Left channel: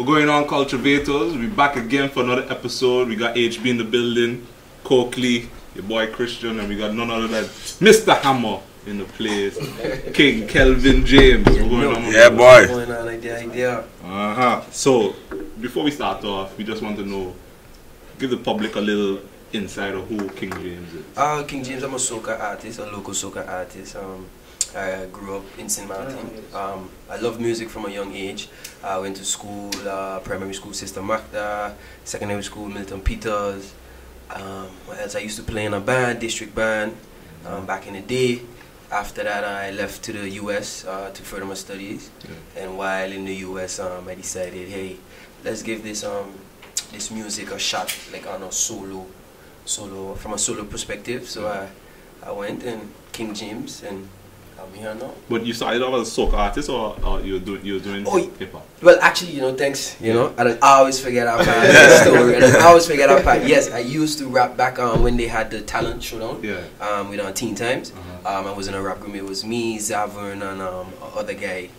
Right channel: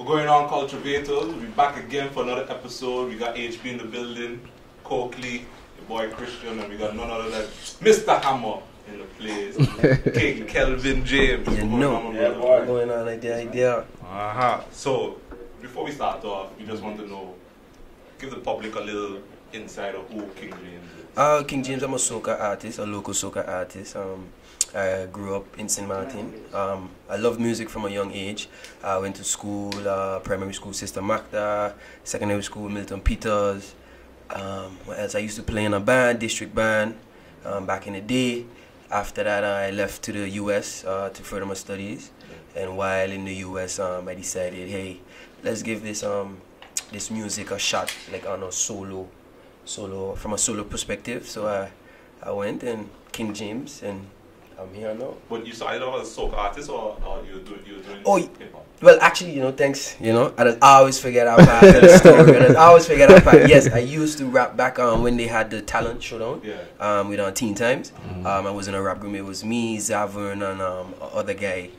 We're going on Culturevators. We're back again for another episode. We got HB in the building, Coakley, your boy Christian, and we got none other than Mr. Hammer in the place. King Kelvin James. Yeah, boy. Going on like the idea. So, before we start off, we just want to know, give the public a little insight of who King James is. King James, I'm a soca artist, a local soca artist. I grew up in St. Martin. I loved music from a young age. I went to school, primary school, Sister Magda, secondary school, Milton Peters. What else? I used to play in a band, district band, back in the day. After that, I left to the US to further my studies. Yeah. And while in the US, I decided, hey, let's give this this music a shot, like on a solo from a solo perspective. So I went and King James, and I'm here now. But you started off as a soca artist, or you were doing hip hop? Well, actually, thanks. I don't always forget our part. This story. I don't always forget our part. Yes, I used to rap back when they had the talent showdown. Yeah. With Teen Times. I was in a rap group. It was me, Zavern, and other guy.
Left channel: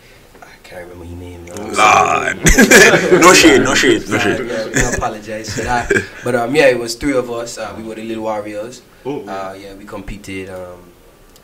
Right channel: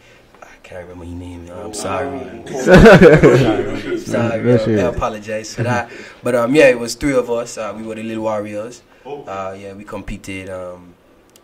I can't remember his name. No shade. I apologize for that. But yeah, it was three of us. We were the Little Warriors. Yeah, we competed.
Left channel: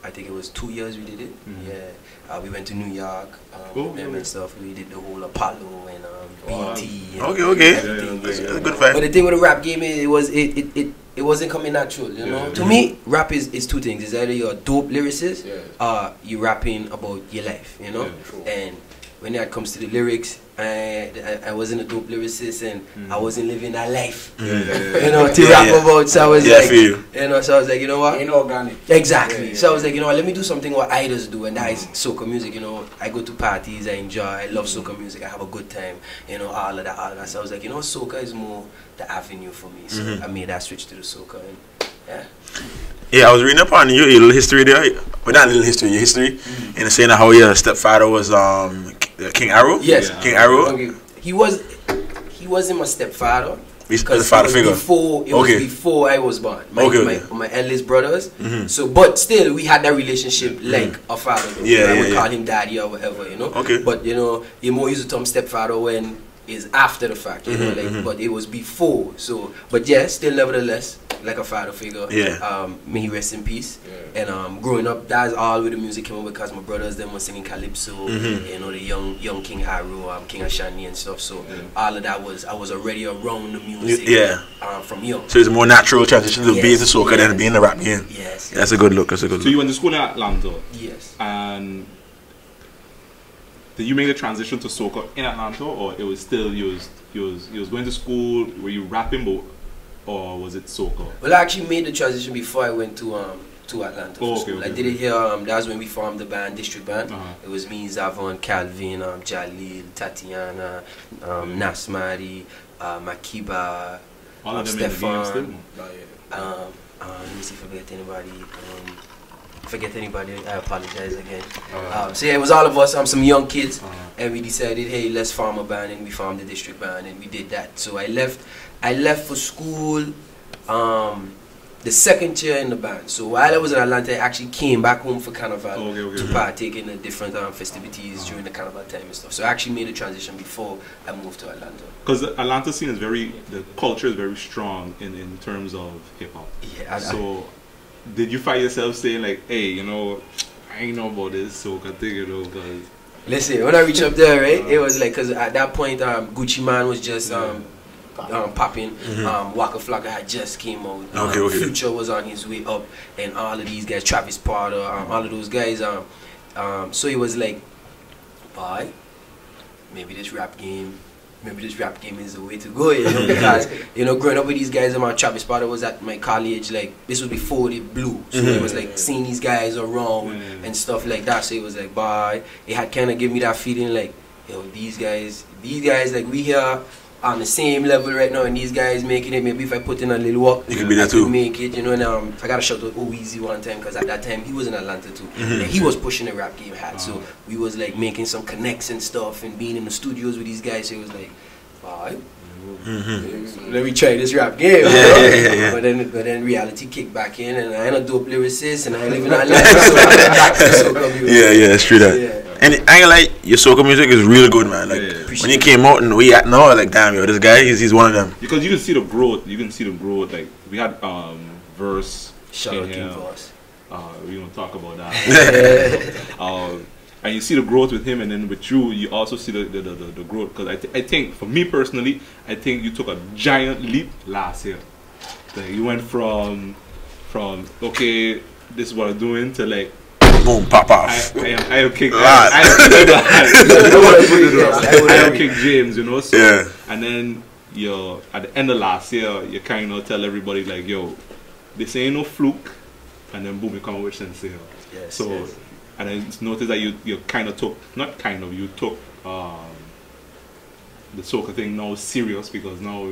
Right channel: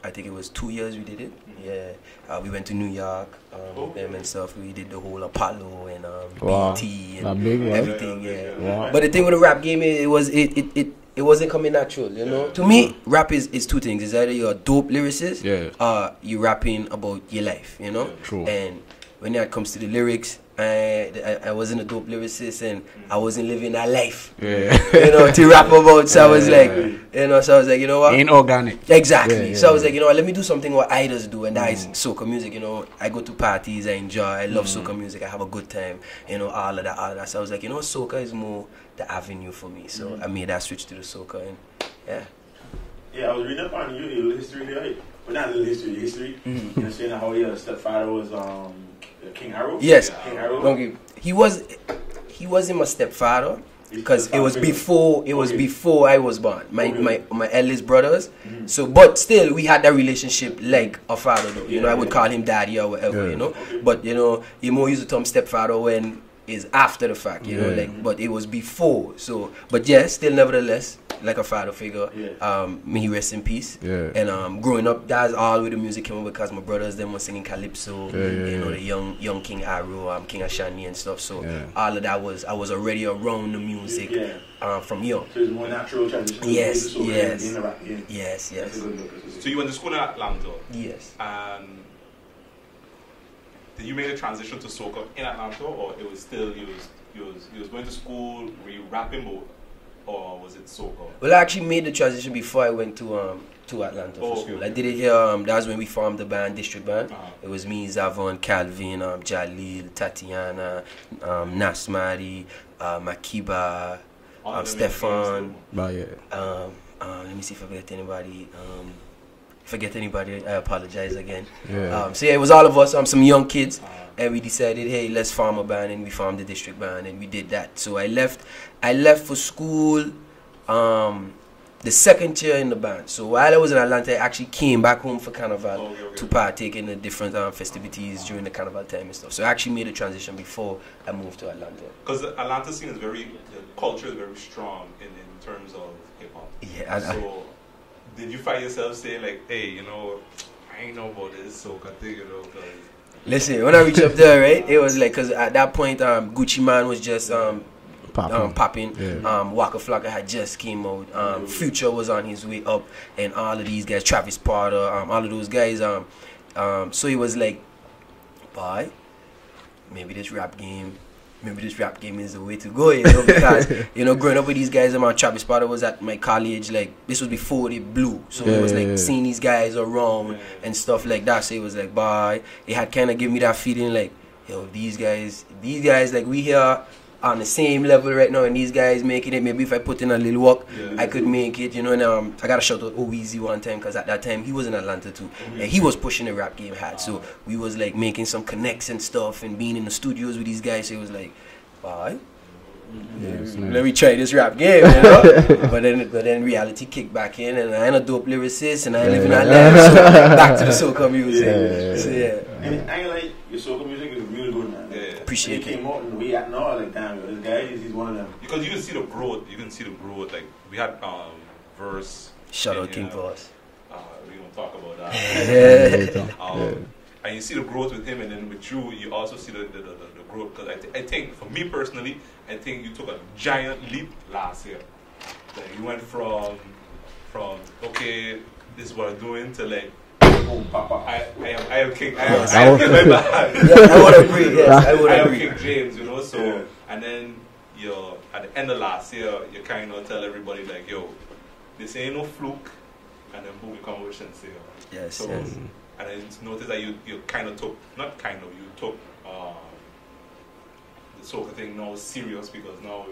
I think it was 2 years we did it. Yeah, we went to New York and stuff. We did the whole Apollo and BT and everything. Yeah. But the thing with the rap game, it wasn't coming natural. To me, rap is two things. It's either you're a dope lyricist, or you rapping about your life. And when it comes to the lyrics, I wasn't a dope lyricist, and I wasn't living that life, to rap about. So I was like, you know what? Ain't organic. Exactly. So I was like, let me do something what idols do, and that is soca music. I go to parties, I enjoy, I love soca music, I have a good time, all of that. So I was like, soca is more the avenue for me. So I made that switch to the soca, and yeah. Yeah, I was reading up on your little history there. But not little history, your history. And saying how your stepfather was King Arrow. Yes. King Arrow. Okay. He wasn't my stepfather. Because it was before I was born. My eldest brothers. So, but still, we had that relationship like a father. I would call him daddy or whatever, Okay. But you more used to term stepfather when is after the fact, but it was before. So, but yeah, still nevertheless, like a father figure. Yeah. May he rest in peace. Yeah. And growing up, that's all where the music came up, because my brothers them were singing calypso. The young King Arrow, King Ashani and stuff. So all of that I was already around the music. From young. So it's a more natural transition to be the soca than being the rap game. Yes. That's a good look. So you went to school in Atlanta. Yes. And did you make the transition to soca in Atlanta, or it was still you was going to school? Were you rapping, or was it soca? Well, I actually made the transition before I went to Atlanta for school. I did it here. That was when we formed the band, District Band. It was me, Zavon, Calvin, Jalil, Tatiana, Nasmari, Makiba, Stefan. Let me see if I forget anybody. I apologize again. So yeah, it was all of us, some young kids, and we decided, hey, let's form a band, and we formed the District Band, and we did that. So I left for school the second year in the band. So while I was in Atlanta, I actually came back home for Carnival to partake in the different festivities during the Carnival time and stuff. So I actually made a transition before I moved to Atlanta. Because the Atlanta scene is the culture is very strong in terms of hip hop. Yeah. Did you find yourself saying like, hey, I ain't know about this soca thing, because... Listen, when I reached up there, right, it was like, because at that point, Gucci Man was just popping. Waka Flocka had just came out. Future was on his way up, and all of these guys, Travis Porter, all of those guys. So it was like, boy, maybe this rap game is the way to go, because growing up with these guys, Travis Porter was at my college, like this was before they blew, so it was like seeing these guys around and stuff like that. So it was like, bye, it had kind of given me that feeling like, these guys like we here on the same level right now, and these guys making it. Maybe if I put in a little work, I could make it, And I gotta shout out Oweezy one time, because at that time he was in Atlanta too, and he was pushing the rap game hard. So we was like making some connects and stuff, and being in the studios with these guys. So it was like, bye, Let me try this rap game, you know? But then reality kicked back in, and I ain't a dope lyricist, and I ain't living that life. So back to soca music. Yeah, it's true that. Yeah. And I ain't like your soca music is really good, man. Like when you came out and we at now, like damn, yo, this guy he's one of them. Because you can see the growth. You can see the growth. Like we had verse. Shout out King Voss. We don't talk about that. And you see the growth with him, and then with you, you also see the growth. Because I think, for me personally, I think you took a giant leap last year. Like you went from okay, this is what I'm doing to like boom, pop off. I am King. I would King James, you know. So, yeah. And then at the end of last year, you kind of tell everybody like, yo, this ain't no fluke, and then boom, you come out with Sincere. Yes. So. Yes. And I noticed that you kind of took, you took the soca thing now serious, because now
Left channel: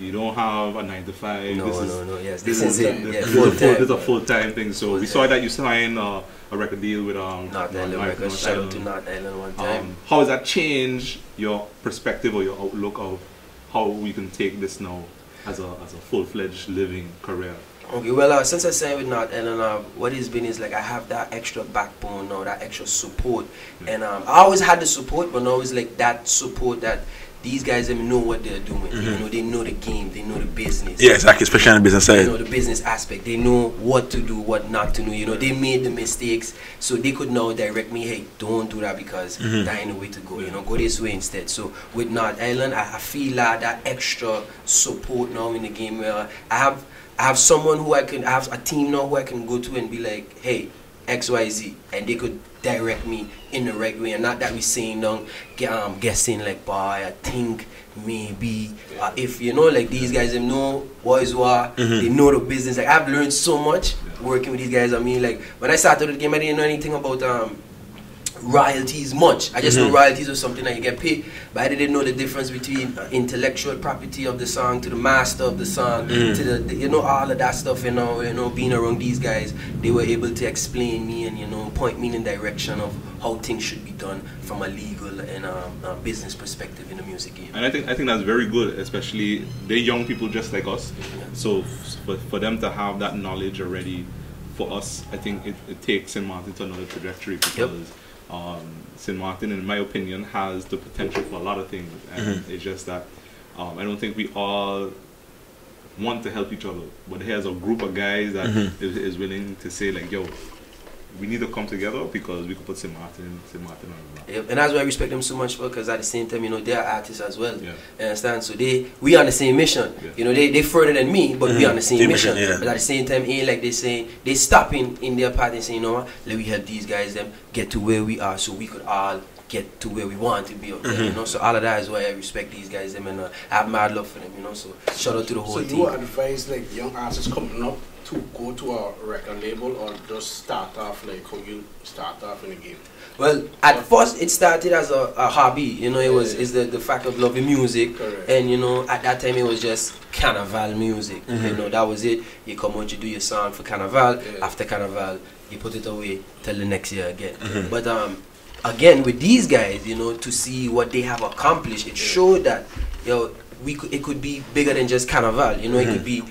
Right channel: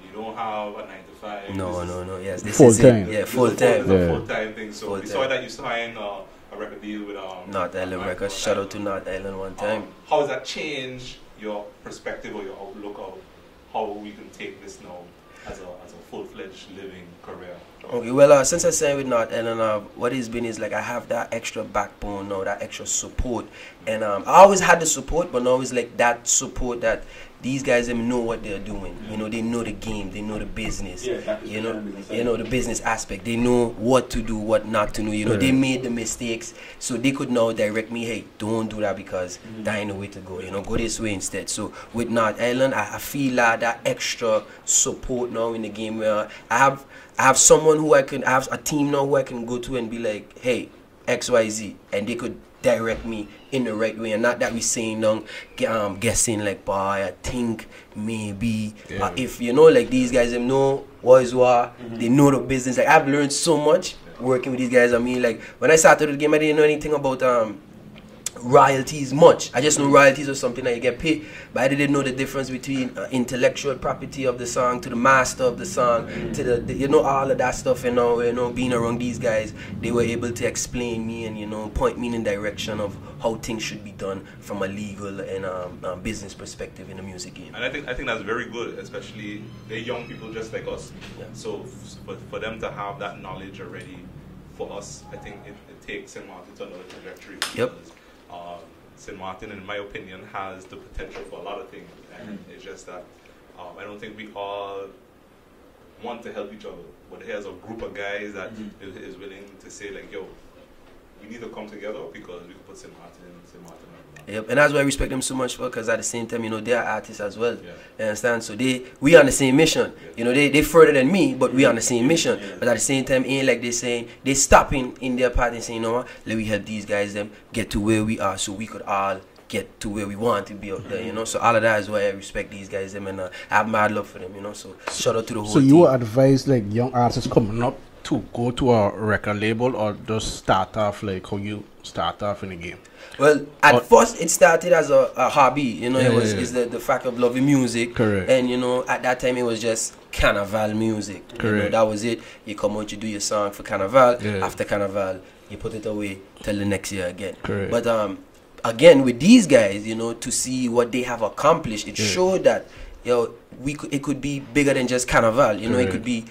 you don't have a 9 to 5. No. Yes, this is it. Yeah, full time. It's a full-time thing. So we saw that you signed a record deal with North Island Records. Shout out to North Island one time. How has that changed your perspective or your outlook of how you can take this now as a full-fledged living career? Okay, well, since I signed with North Island, what it's been is like I have that extra backbone now, that extra support, and I always had the support, but now it's like that support that these guys know what they're doing. You know, they know the game, they know the business. Yeah, exactly, especially on the business side. They know the business aspect. They know what to do, what not to do. You know, they made the mistakes, so they could now direct me, hey, don't do that because that ain't the way to go. You know, go this way instead. So with North Island, I feel like that extra support now in the game. Where I have someone who I have a team now who I can go to and be like, hey, XYZ, and they could direct me in the right way, and not that we saying down guessing like, boy, I think maybe if you know, like these guys them know what is what, they know the business. Like I've learned so much working with these guys. I mean, like when I started the game, I didn't know anything about royalties much. I just know royalties are something that you get paid, but I didn't know the difference between intellectual property of the song to the master of the song to the you know, all of that stuff. You know, being around these guys, they were able to explain me and, you know, point me in the direction of how things should be done from a legal and business perspective in the music game. And I think that's very good, especially they're young people just like us. So for them to have that knowledge already, for us, I think it takes St. Martin to another trajectory, because St. Martin, in my opinion, has the potential for a lot of things, and it's just that I don't think we all want to help each other, but here's a group of guys that is willing to say like, yo, we need to come together because we could put St. Martin on the map. Yep, and that's why I respect them so much for, because at the same time, you know, they are artists as well. You understand? So we on the same mission. You know, they further than me, but we on the same mission. But at the same time, ain't like they stopping in their part and saying, you know what, let me help these guys them get to where we are, so we could all get to where we want to be out there, you know. So all of that is why I respect these guys them, and I have mad love for them, you know. So shout out to the whole team. So you advise like young artists coming up to go to a record label, or just start off like how you start off in the game? Well, at first it started as a hobby, you know. It's the fact of loving music. Correct. And you know, at that time it was just carnival music. You know, that was it. You come out, you do your song for carnival. After carnival, you put it away till the next year again. But again, with these guys, you know, to see what they have accomplished, it showed that, yo, it could be bigger than just carnival. You know, it could be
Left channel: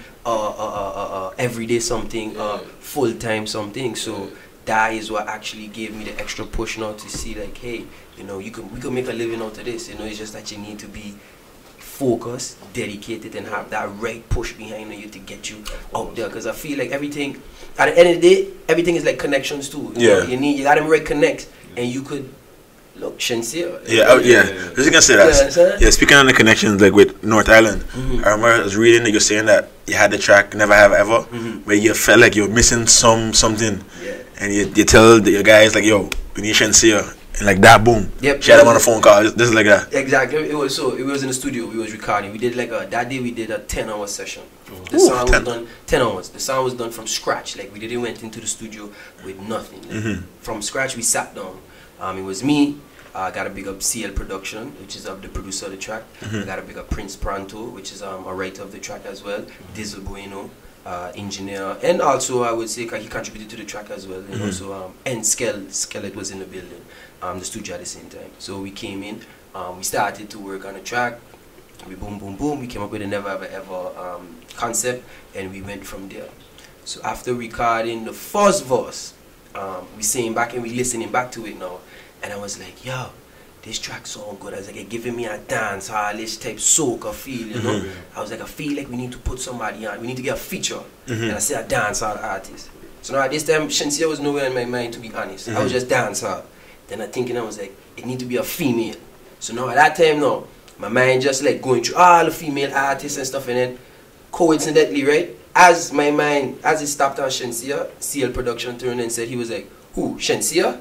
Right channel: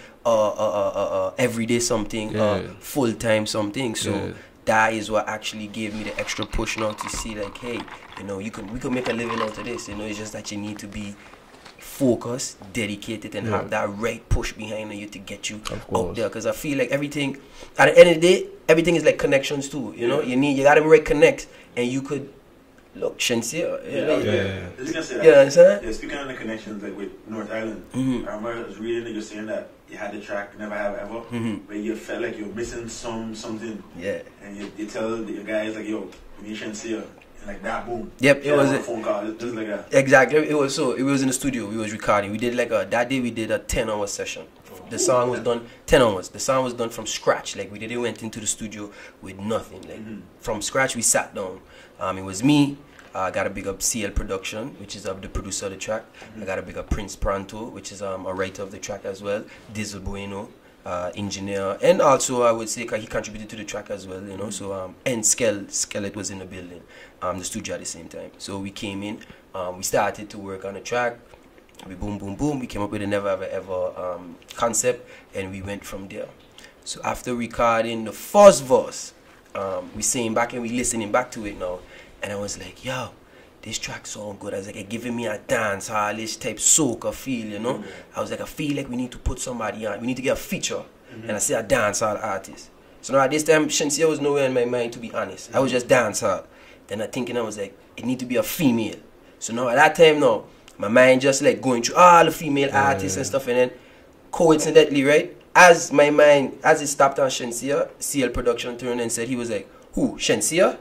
everyday something, full time something. So that is what actually gave me the extra push now to see like, hey, you know, we could make a living out of this. You know, it's just that you need to be focused, dedicated, and have that right push behind you to get you out there. Because I feel like everything, at the end of the day, everything is like connections too. You know, you got to right connect, and you could. Look, Sincere. I was gonna say that. Speaking on the connections, like with North Island, I remember I was reading that you're saying that you had the track "Never Have Ever," where you felt like you're missing something, and you tell your guys like, "Yo, we need Sincere," and like that, boom. Yep. She had him on a phone call, just like that. Exactly. It was in the studio. We was recording. We did like that day. We did a 10-hour session. The song was done 10 hours. The song was done from scratch. Like we didn't went into the studio with nothing. Like, from scratch, we sat down. It was me. I got to big up CL Production, which is the producer of the track. I got to big up Prince Pranto, which is a writer of the track as well. Diesel Bueno, engineer, and also I would say he contributed to the track as well. You know, so and Skelet was in the building, the studio at the same time. So we came in, we started to work on the track. We boom, boom, boom. We came up with a never ever ever concept, and we went from there. So after recording the first verse, we singing back and we listening back to it now, and I was like, yo, this track so good. I was like, it giving me a dance hallish type soca feel, you know. I was like, I feel like we need to put somebody on. We need to get a feature, and I said a dance hall artist. So now at this time, Shensia was nowhere in my mind, to be honest. I was just dance hall. Then I thinking, I was like, it need to be a female. So now at that time now, my mind just like going through all the female artists and stuff, and then coincidentally, right, as my mind, as it stopped on Shensia, CL Production turned and said, he was like, who, Shensia?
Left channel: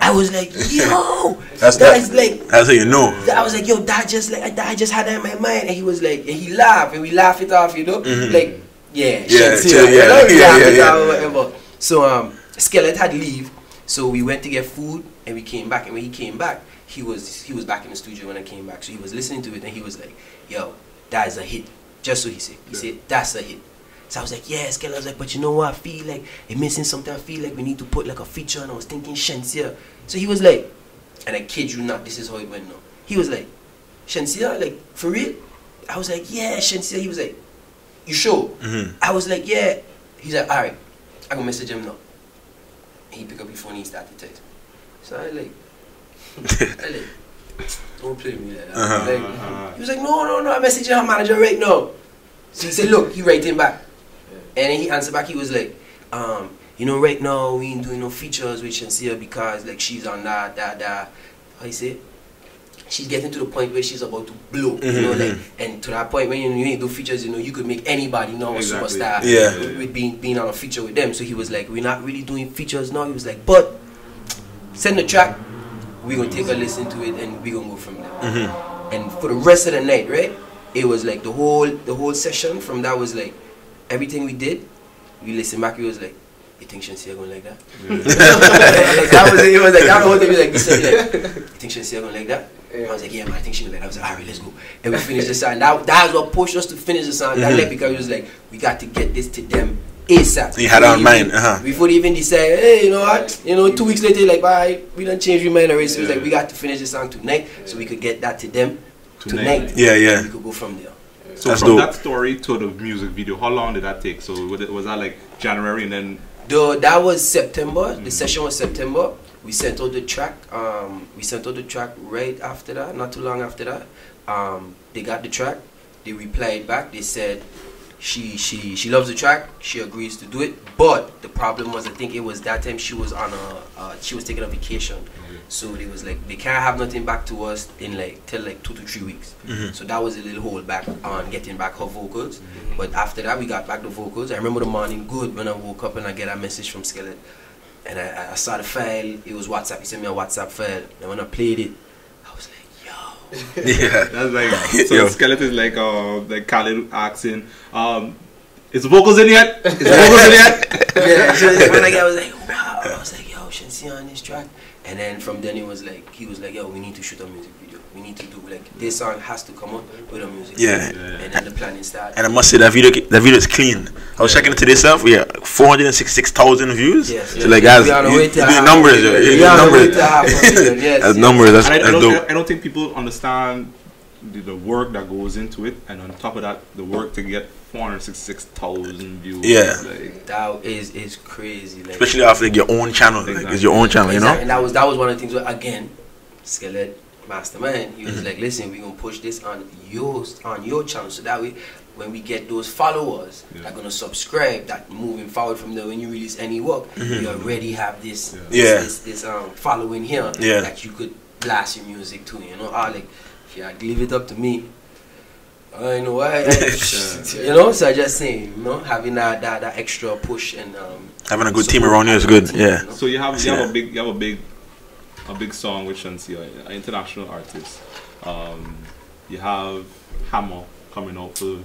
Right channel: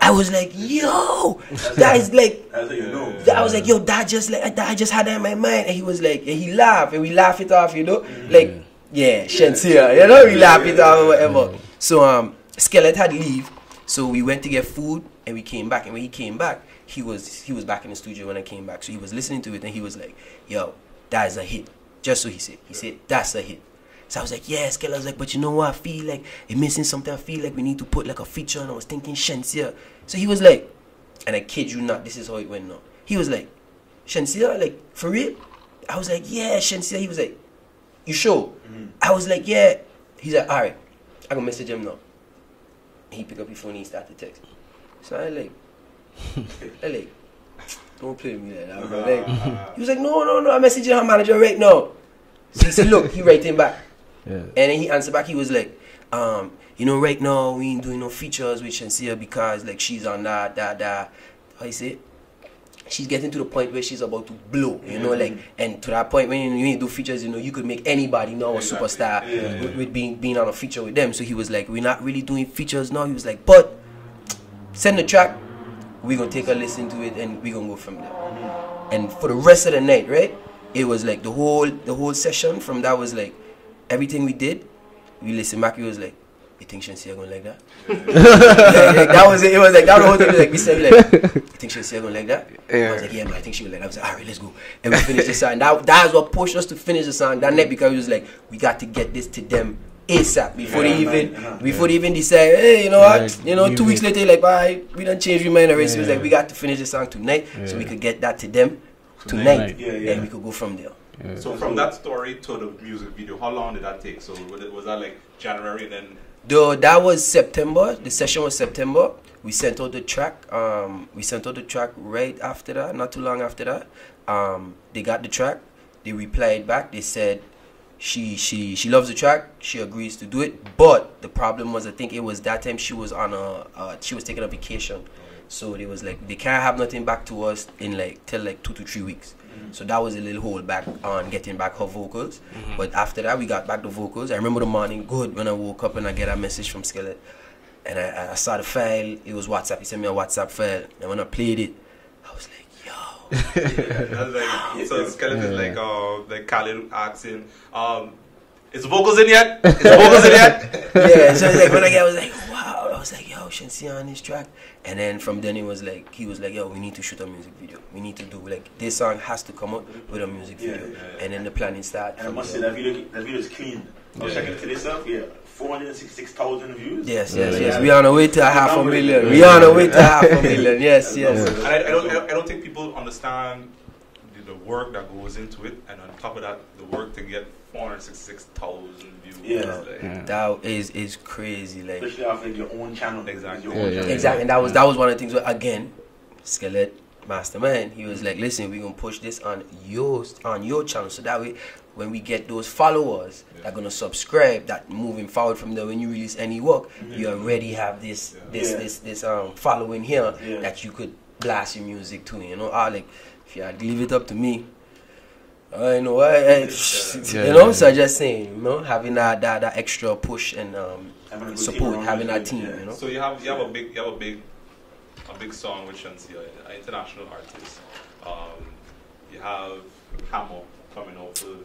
I was like, yo, that's like, that's how you know. I was like, yo, that just like, I just had that in my mind, and he was like, and he laughed, and we laugh it off, you know, like, yeah, Shensia, you know, we laugh it off or whatever. So Skillet had leave, so we went to get food, and we came back, and when he came back, he was back in the studio when I came back, so he was listening to it, and he was like, yo, that is a hit, just so he said, that's a hit. So I was like, yeah, Skella. I was like, but you know what? I feel like it's missing something. I feel like we need to put like a feature. And I was thinking Shensia. So he was like, and I kid you not, this is how it went now. He was like, Shensia? Like, for real? I was like, yeah, Shensia. He was like, you sure? I was like, yeah. He's like, all right, I'm going to message him now. And he picked up his phone and he started text. So I like, don't play with me like that. He was like, no, I'm messaging her manager right now. So he said, look, he writing back. Yeah. And then he answered back, he was like, you know, right now we ain't doing no features with Shensia because like she's on that. How you say? She's getting to the point where she's about to blow, you know, like, and to that point when you ain't do features, you know, you could make anybody now a superstar with being on a feature with them. So he was like, we're not really doing features now. He was like, but send the track, we're gonna take a listen to it and we're gonna go from there. And for the rest of the night, right? It was like the whole session from that was like everything we did, we listened back, it was like, you think Shensia gonna like that? Like that was it. It was like that the whole time. Like we said, like, you think Shensia gonna like that? I was like, yeah, man, I think she will like that. I was like, alright, let's go. And we finished the song. That's what pushed us to finish the song that night, because it was like we got to get this to them ASAP. You had on mind, before they even decide, hey, you know what? You know, 2 weeks later, like, bye, we done changed your mind already. So it was like we got to finish the song tonight, so we could get that to them tonight. Yeah. And we could go from there. So from that story to the music video, how long did that take? So was that like January and then? That was September. The session was September. We sent out the track. Right after that, not too long after that. They got the track. They replied back. They said she loves the track. She agrees to do it. But the problem was, I think it was that time she was on she was taking a vacation. So they was like, they can't have nothing back to us in like till like 2 to 3 weeks. So that was a little hold back on getting back her vocals. But after that, we got back the vocals. I remember the morning good when I woke up and I get a message from Skillet, and I saw the file. It was WhatsApp. He sent me a WhatsApp file, and when I played it, I was like, yo. Yeah, that's like, so Skillet is like Khaled asking, is the vocals in yet? Yeah, so like when I was like, wow. I was like, yo, Shensia on this track. And then from then he was like, yo, we need to shoot a music video. We need to do like this song has to come out with a music video. And then the planning started. And I must say that video is clean. I was checking it today itself. We have 466,000 views. Yes. So like, we on the way to half numbers. We on the way to half a million. Yes. That's numbers. That's I don't think people understand the work that goes into it, and on top of that, the work to get 466,000 views. Yeah, like, that is crazy. Like, especially after like, your own channel. Exactly. Like, it's your own channel, you know. And that was one of the things where, again, Skillet Mastermind, he was like, listen, we're gonna push this on your channel, so that way when we get those followers that are gonna subscribe, that moving forward from there, when you release any work, you already have this following here that you could blast your music to, you know. Like, if you had leave it up to me, I know why. You know, so I just saying, you know, having that extra push and having a good team around you is good. Team, yeah. You know? So you have a big song with Shensia, an international artist. You have Hammer coming out for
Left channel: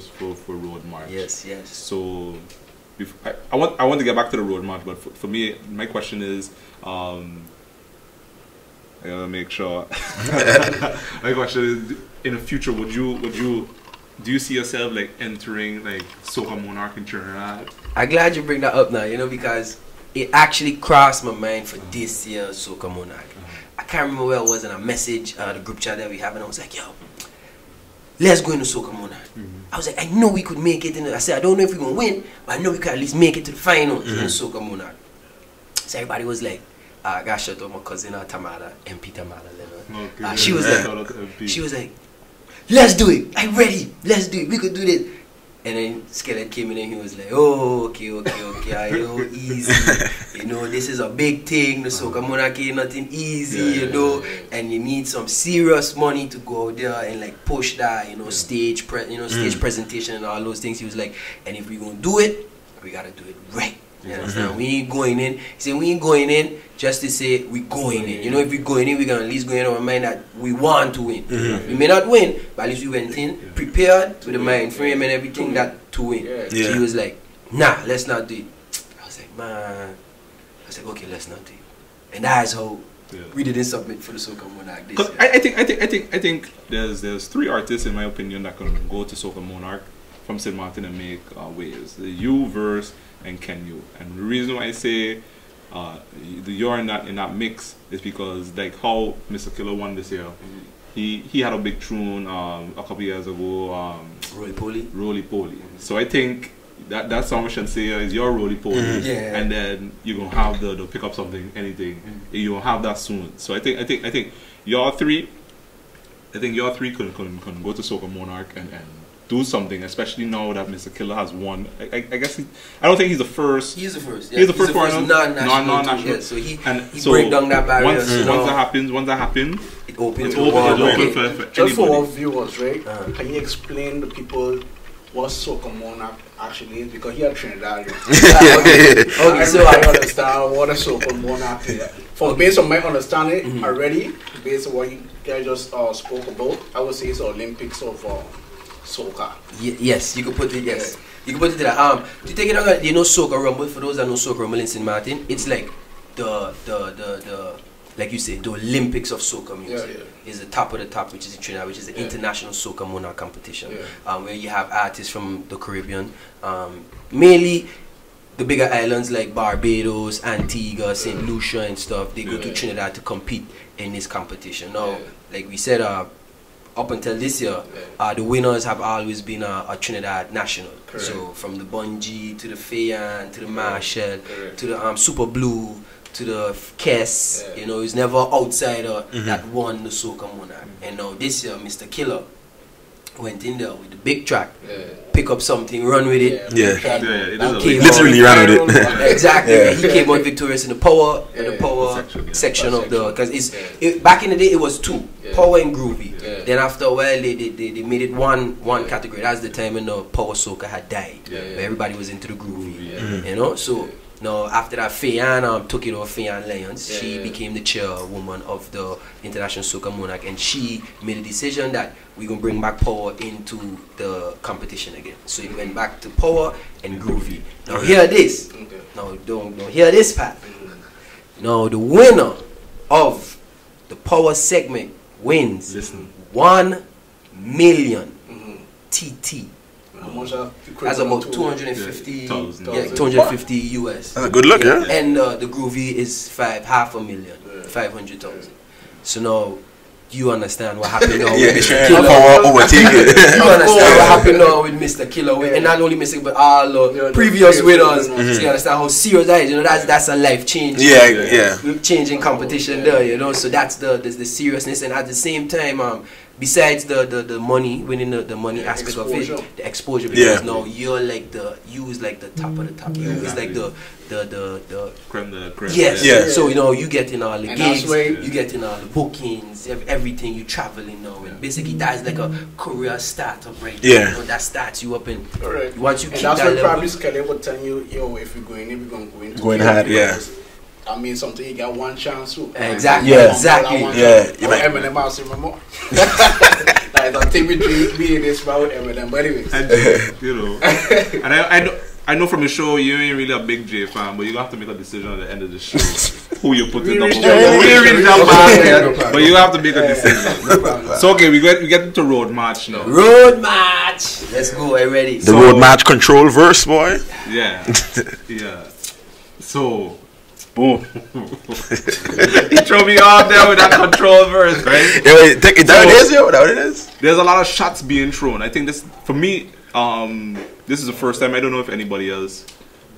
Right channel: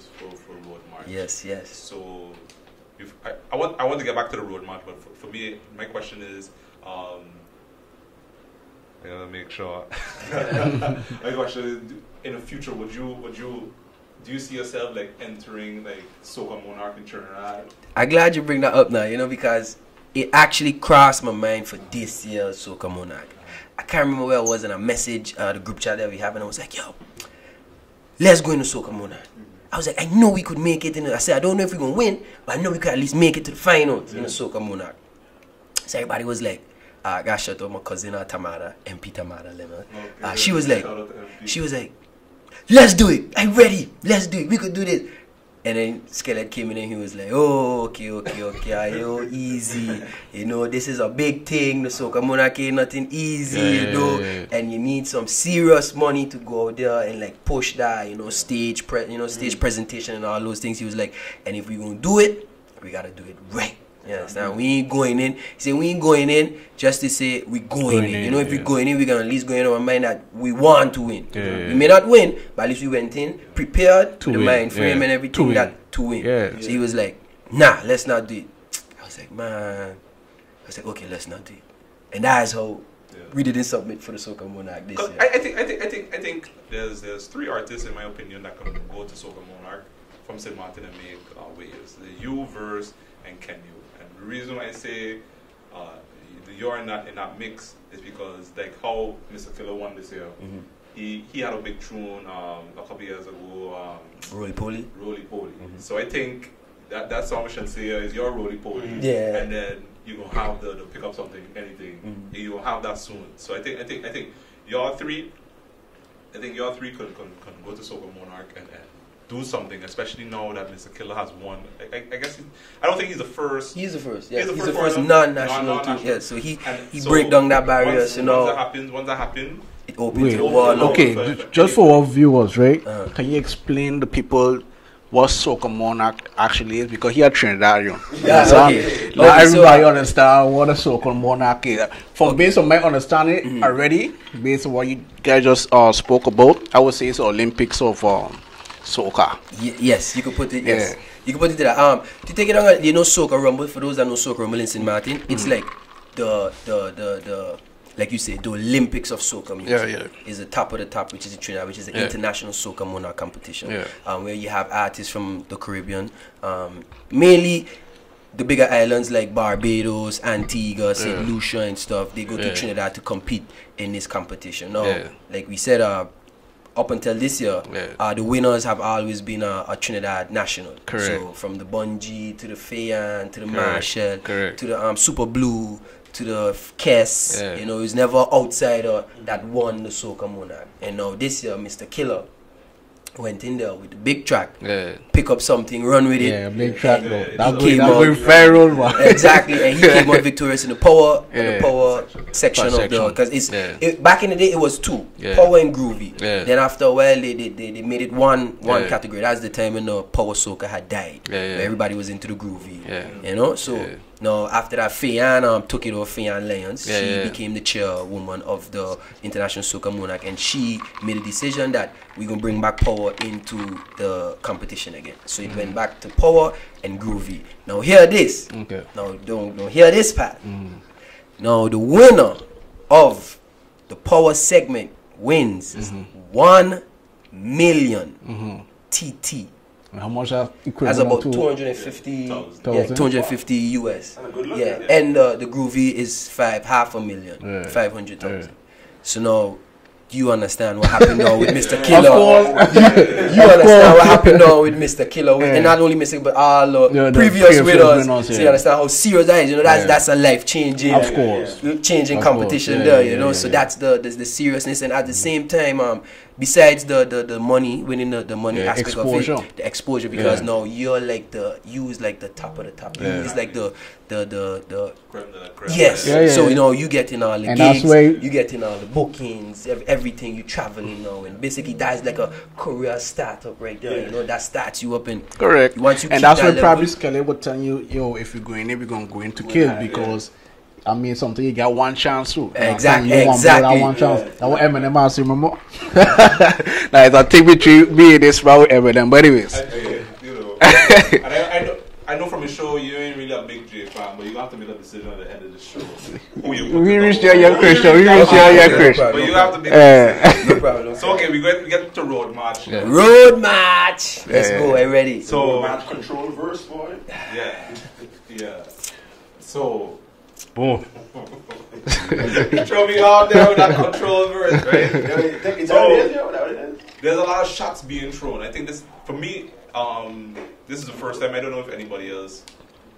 Road March. Yes. So I want to get back to the Road March, but for me, my question is, I gotta make sure. My question is, in the future, do you see yourself like entering like Soca Monarch in Trinidad? I'm glad you bring that up now, you know, because it actually crossed my mind for this year's Soca Monarch. I can't remember where I was in a message, the group chat that we have, and I was like, yo, let's go into Soca Monarch. I was like, I know we could make it. I said, I don't know if we're going to win, but I know we could at least make it to the finals in Soca Monarch. So everybody was like, I got shut up my cousin Tamara, MP Tamara Leonard. Okay. She was like, let's do it. I'm ready. Let's do it. We could do this. And then Skelet came in and he was like, oh, okay, yo, easy. You know, this is a big thing. The Soca Monarch ain't nothing easy, you know. And you need some serious money to go out there and like push that, you know, stage presentation and all those things. He was like, and if we're gonna do it, we gotta do it right. You understand? We ain't going in. He said, we ain't going in just to say we going in. You know, if we're going in, we're going to at least go in our mind that we want to win. We may not win, but at least we went in prepared to the mind frame and everything that to win. So he was like, nah, let's not do it. I was like, man. I was like, okay, let's not do it. And that's how we didn't submit for the Soca Monarch this year. I think there's 3 artists in my opinion that can go to Soca Monarch from St. Martin and make waves. The U verse and Can You. And the reason why I say you're in that mix is because like how Mr. Killer won this year. He had a big tune a couple years ago. Roly Poly. So I think that song we should say is your Roly Poly. And then you're gonna have the pick up something, anything. You will have that soon. So I think your three can go to Soca Monarch and do something, especially now that Mr. Killer has won. I guess I don't think he's the first. He's the first. Yeah. He's the first non-national. Yeah, so he break down that barrier. Once that happens, it opens the wall. Okay, just for our viewers, right? Can you explain to people what Soca Monarch actually is? Because he had Trinidadian. I understand what a Soca Monarch is. Based on my understanding already, based on what you guys just spoke about, I would say it's the Olympics of Soca. Yes, you could put it. Yes, you could put it to that. To take it on, you know, Soca Rumble. For those that know Soca Rumble in St. Martin, it's like the like you say, the Olympics of soca music. Is the top of the top, which is in Trinidad, which is the International Soca Monarch competition, where you have artists from the Caribbean, mainly the bigger islands like Barbados, Antigua, St. Lucia and stuff. They go to Trinidad to compete in this competition. Now, like we said, up until this year, the winners have always been a Trinidad national. Correct. So from the Bungie to the Fayan to the Marshall to the Super Blue to the Kess, you know, it's never outsider that won the Soca Monarch. And now this year, Mr. Killer went in there with the big track, pick up something, run with it. He came out exactly. And he came out victorious in the power, section of the, because back in the day it was 2, power and groovy. Then after a while they made it one category. That's the time when the power soca had died, where everybody was into the groovy. You know, so. Now, after that, Fayan took it over, Fayan Lyons. She became the chairwoman of the International Soca Monarch, and she made a decision that we're going to bring back power into the competition again. So it went back to power and groovy. Now, hear this. Now, don't hear this part. Now, the winner of the power segment wins 1 million TT. How much that's about 250 250 US. That's a good look, And the groovy is half a million, 500,000. So now you understand what happened now with Mr. Killer. You understand what happened now with Mr. Killer, and not only Mr. but all the previous winners. So you understand how serious that is. You know, that's a life changing, changing competition there. You know, so that's the seriousness, and at the same time, besides the money, winning the money aspect exposure. Of it, the exposure, because now you're like the top of the top. It's like the creme de la creme. Yes. So you know, you get in all the gigs, you get in all the bookings, everything. You traveling now, and basically that's like a career startup right there. You know, that starts you up in. Correct. Once you and keep that's that when level, probably Skelly would tell you, yo, if we're going in, we're gonna go into because I mean, something you got one chance to. Exactly. Eminem, I remember. Like, don't take me this about Eminem, but anyways. And, you know, and I know from the show you ain't really a big J fan, but you have to make a decision at the end of the show who you put it. But you have to make a decision. No problem. So okay, we get into road march now. Road march. Let's go. I'm ready. The road march control verse, boy. Yeah. So Boom. He threw me off there with that control verse, right? Yeah, wait, is that what it is? There's a lot of shots being thrown. I think this, for me, this is the first time, I don't know if anybody else,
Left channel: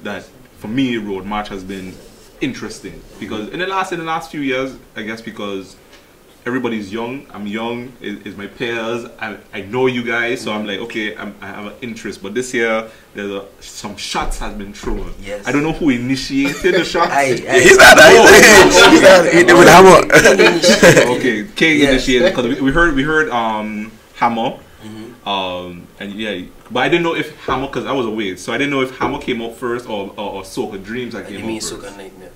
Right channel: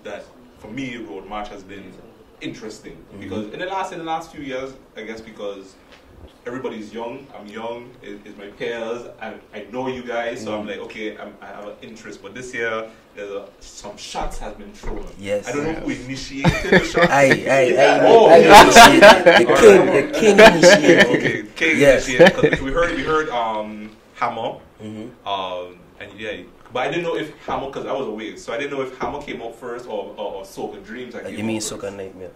that for me, Road March has been interesting. Because in the last few years, I guess because everybody's young, I'm young, is my peers, I know you guys, so I'm like, okay, I have an interest. But this year, there's some shots has been thrown. Yes. I don't know who initiated the shots. Okay, King initiated, because we heard Hammer, and yeah, but I didn't know if Hammer, because I was away, so I didn't know if Hammer came up first or Soca Dreams. You mean Soca Nightmare?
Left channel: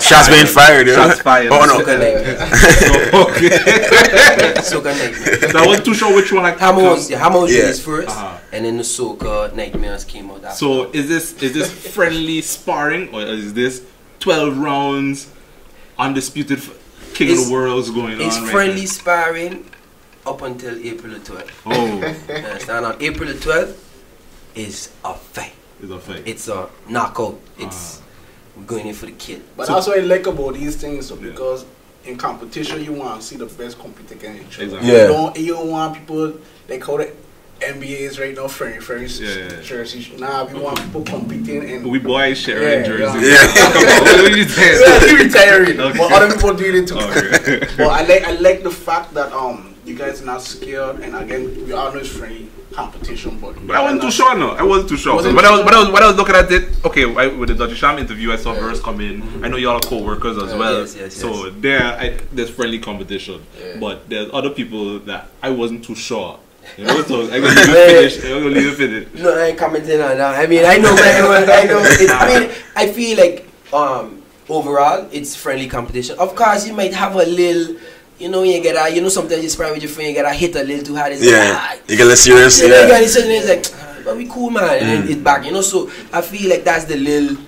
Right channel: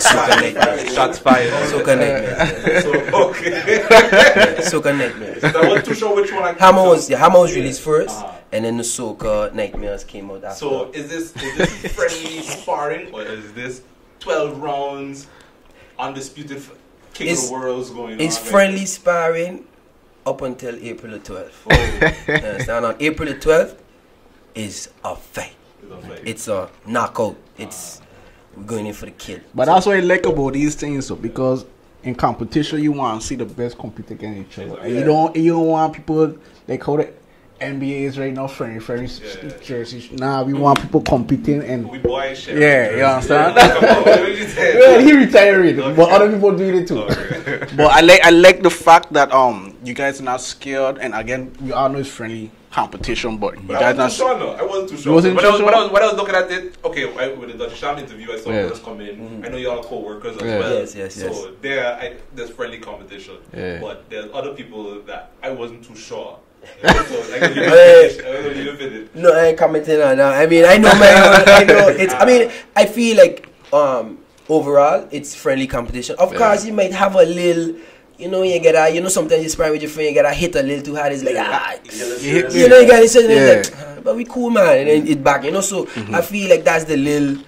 Shots being fired. Shots fired. Oh no. Soca Nightmare. Soca Nightmare. So I wasn't too sure which one. Hammer was released first, and then the Soca Nightmares came out after. So is this friendly sparring, or is this 12 rounds undisputed king of the world's going on? It's friendly sparring up until April the 12th. Oh. Understand? On April the 12th is a fight. It's a fight. It's a knockout. We're going in for the kill. But that's what I like about these things, though, because in competition you want to see the best compete against each other. Exactly. You don't want people like how the NBA is right now, friendly jerseys. Nah, we want people competing and we boys sharing jerseys. What you saying? He retiring, but other people doing it too. Okay. But I like the fact that you guys are not scared, and again we all know it's friendly competition, but I wasn't too sure. No, I wasn't too sure. When I was looking at it, okay, with the Dutch Sham interview, I saw Verse come in. I know y'all are co-workers as well. Yes. So there's friendly competition, but there's other people that I wasn't too sure. You know, so I'm gonna leave it finish. No, I ain't commenting on that. I mean, I know I feel like overall it's friendly competition. Of course, you might have a little. You know, you get a, sometimes you sparring with your friend, you get a hit a little too hard. It's you get less serious. You know, you get it, it's like, but we cool, man. And then it's back, so I feel like that's the little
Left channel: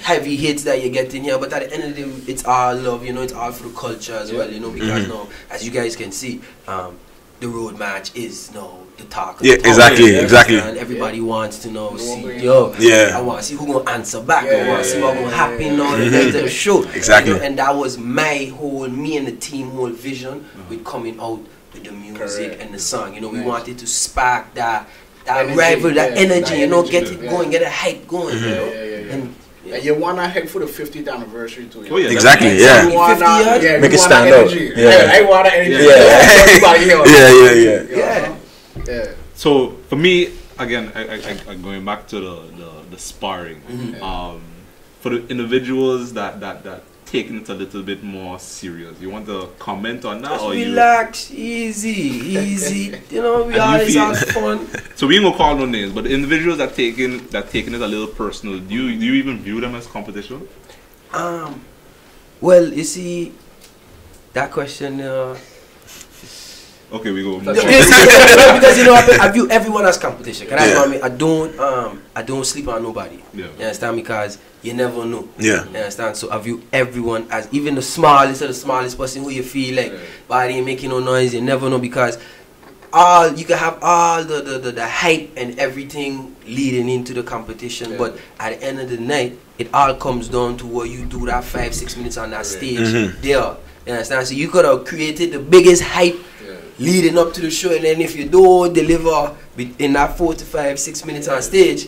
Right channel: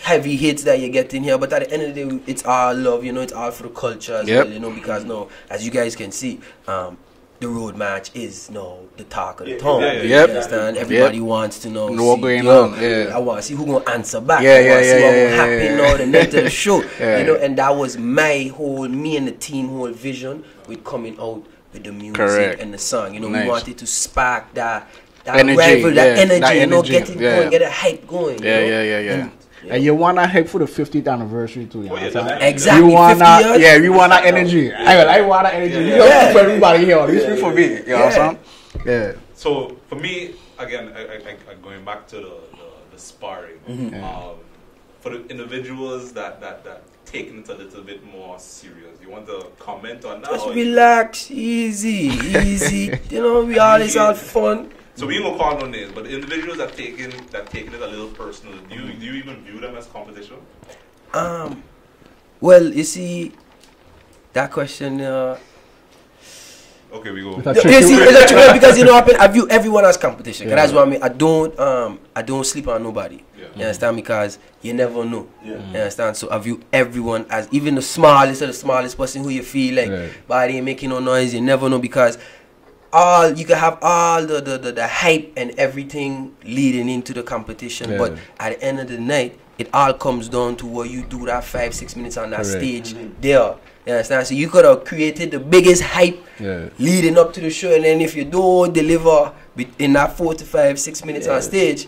heavy hits that you get in here. But at the end of the day, it's all love, it's all for the culture as well, because now, as you guys can see, the road match is the talk of the town. Exactly. And everybody wants to know, I want to see who gonna answer back. I want to see what's gonna happen now the night of the show. Exactly. And that was me and the team whole vision with coming out with the music and the song. We wanted to spark that energy, rival, that energy, get it going, get a hype going. And you want to hype for the 50th anniversary too. Oh, yeah, exactly. You want 50 years? Yeah, make it stand energy. I want that energy. Everybody here. So for me, again, I going back to the sparring. For the individuals that taking it a little bit more serious, you want to comment on that? Just relax, easy. We always have fun. So we ain't gonna call no names, but the individuals that taking it a little personal, do you even view them as competition? Well, you see, that question. Okay, we go. Because I view everyone as competition. That's what I mean. I don't sleep on nobody. You understand? Because you never know. You understand? So I view everyone as, even the smallest of the smallest person who you feel like body ain't making no noise. You never know, because you can have all the hype and everything leading into the competition, but at the end of the night, it all comes down to what you do that 5-6 minutes on that stage there. You understand? So you could have created the biggest hype leading up to the show, and then if you don't deliver in that 4 to 5-6 minutes on stage,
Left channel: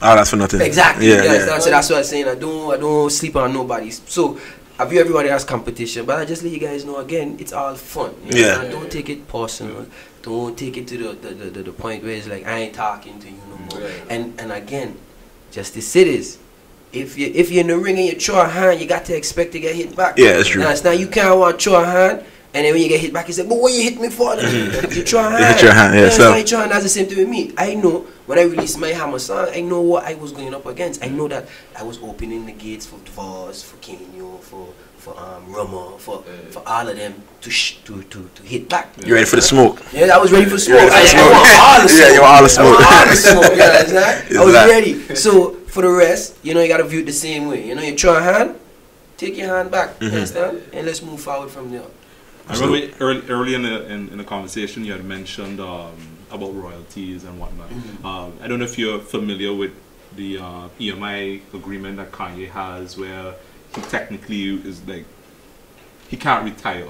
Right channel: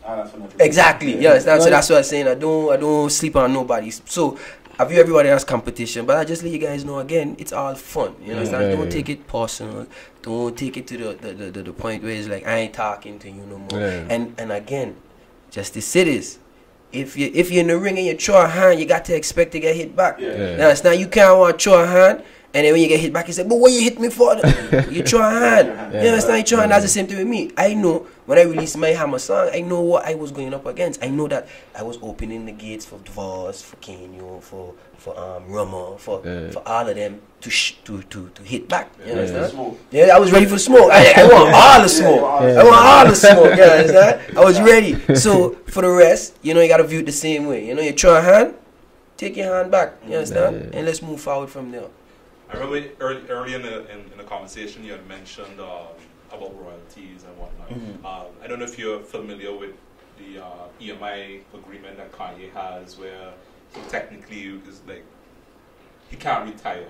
that's for nothing. Exactly. You understand? So that's what I'm saying. I don't sleep on nobody. So I view everybody as competition, but I just let you guys know again, it's all fun. You understand? Don't take it personal. Don't take it to the point where it's like, I ain't talking to you no more. And again, just to say this. If you're in the ring and you throw a hand, you got to expect to get hit back. Yeah, that's true. Now you can't want to throw a hand, and then when you get hit back, you say, but what you hit me for? You throw a hand. You throw a hand. That's the same thing with me. I know when I released my Hammer song, I know what I was going up against. I know that I was opening the gates for Dvoss, for Kenyo, for Rama, for all of them to hit back. You ready for the smoke? Yeah, I was ready for smoke. I want all the smoke. You want all the smoke. I want all the smoke. I was ready. So for the rest, you gotta view it the same way. You throw a hand, take your hand back. You understand? And let's move forward from there. I remember early in the conversation you had mentioned about royalties and whatnot. I don't know if you're familiar with the EMI agreement that Kanye has, where he technically is like he can't retire.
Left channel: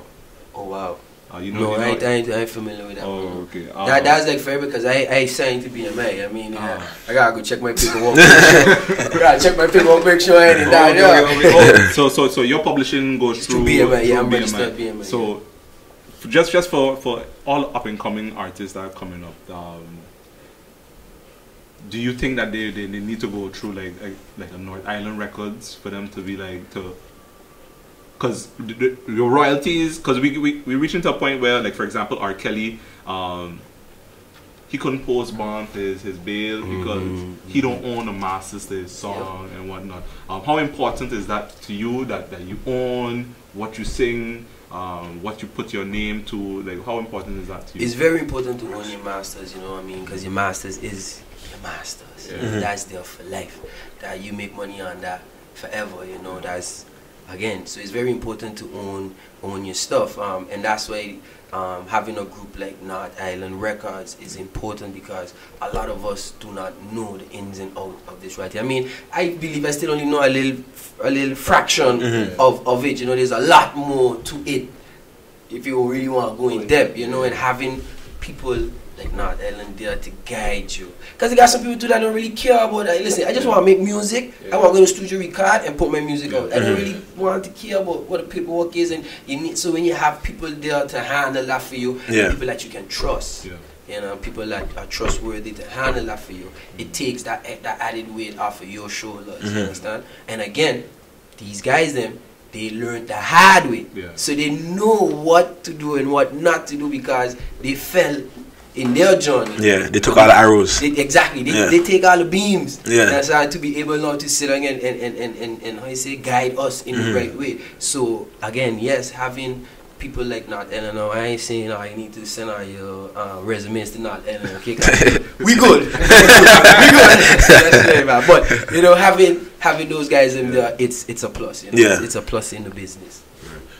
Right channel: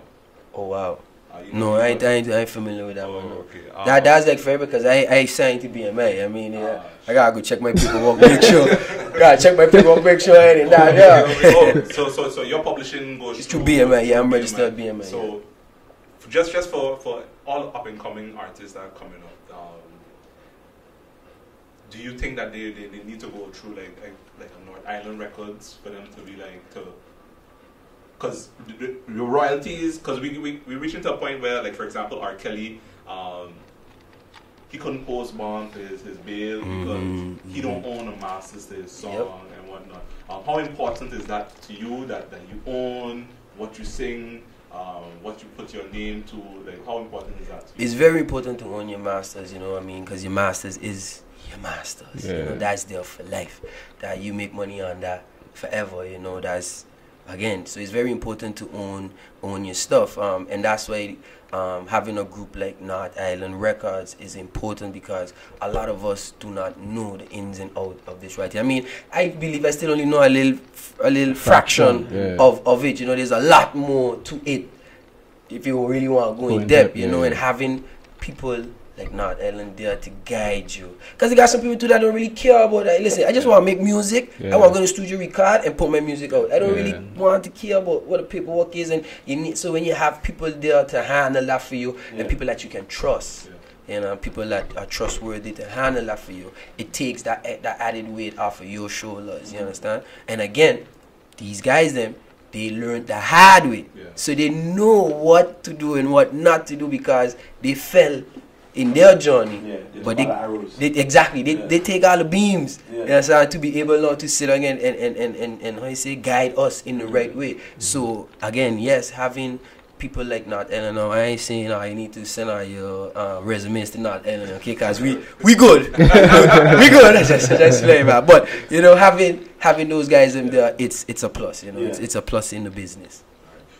Oh wow. You know, no, I ain't familiar with that. Oh, okay. That's like fair because I signed to BMA. I mean, I gotta go check my paperwork. Make sure. I gotta check my paperwork, make sure I ain't that. Yeah. So your publishing goes through BMA. Yeah, I'm registered BMA. So just for all up and coming artists that are coming up, do you think that they need to go through like a North Island Records for them to be like to? Because your royalties, because we reach into a point where, like, for example, R. Kelly, he couldn't post bond his bail because he don't own the masters to his song and whatnot. How important is that to you, that you own what you sing, what you put your name to? Like, how important is that to you? It's very important to own your masters, you know what I mean? Because your masters is your masters. You know, that's there for life. That you make money on that forever, you know, that's... Again, so it's very important to own your stuff, and that's why having a group like North Island Records is important, because a lot of us do not know the ins and outs of this writing. I mean, I believe I still only know a little fraction of it. You know, there's a lot more to it if you really want to go in depth. You know, and having people like North Island there to guide you. Because you got some people too that don't really care about that. Listen, I just want to make music. I want to go to the studio, record, and put my music out. I don't really want to care about what the paperwork is. And you need, so when you have people there to handle that for you, and people that you can trust, you know, people that are trustworthy to handle that for you, it takes that added weight off of your shoulders. You understand? And again, these guys, they learned the hard way. So they know what to do and what not to do, because they fell in their journey. They took all the arrows. They take all the beams. That's how to be able now to sit again and how you say, guide us in the right way. So again, yes, having people like North Island, I ain't saying you need to send out your resumes to North Island, okay? We good. We good. That's right, man. But you know, having those guys in there, it's a plus. You know? It's a plus in the business.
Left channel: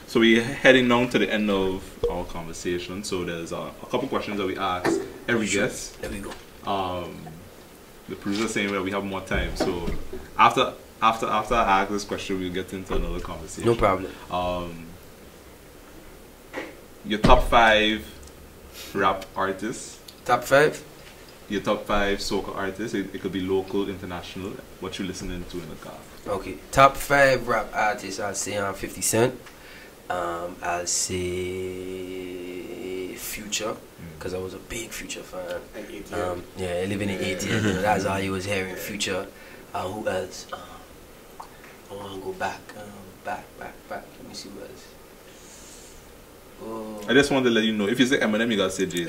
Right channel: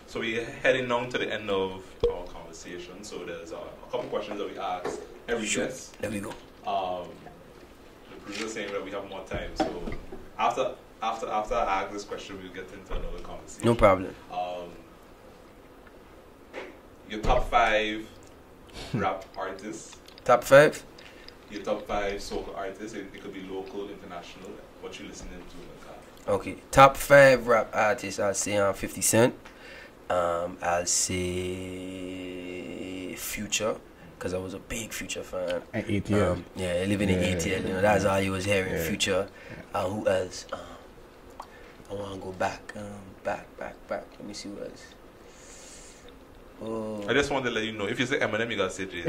So we're heading down to the end of our conversation. So there's a couple questions that we ask every guest. There we go. The producer saying that we have more time. So after I ask this question, we'll get into another conversation. No problem. Your top 5 rap artists. Top 5? Your top 5 soca artists. It could be local, international. What you listening to in the car? Okay. Top 5 rap artists. I'll say 50 Cent. I'll say Future, because I was a big Future fan. Living in ATL, you know, that's all you was hearing. Future. Who else? I want to go back. Let me see who else. I just wanted to let you know, if you say Eminem, you gotta say Jay.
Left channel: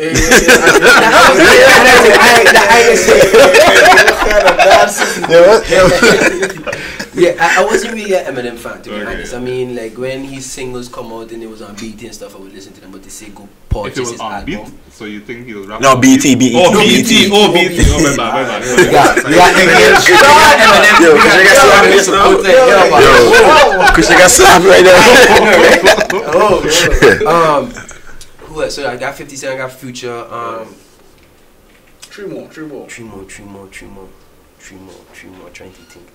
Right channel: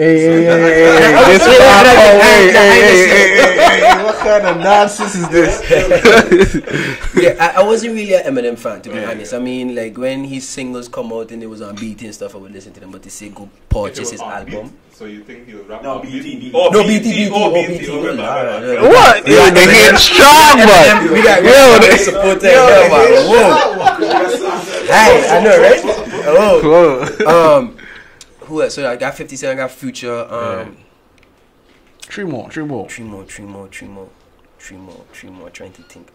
I wasn't really an Eminem fan, to be honest. I mean, like when his singles come out and it was on BT and stuff, I would listen to them. But they say go purchase his album. Beat? So you think he was rapping? No, BT. Oh, BT. Oh, my bad. What? We got Eminem. We got Because you got slapped right there. I know, right? Oh. Who else? So I got 50 Cent, I got Future. Three more. Trying to think.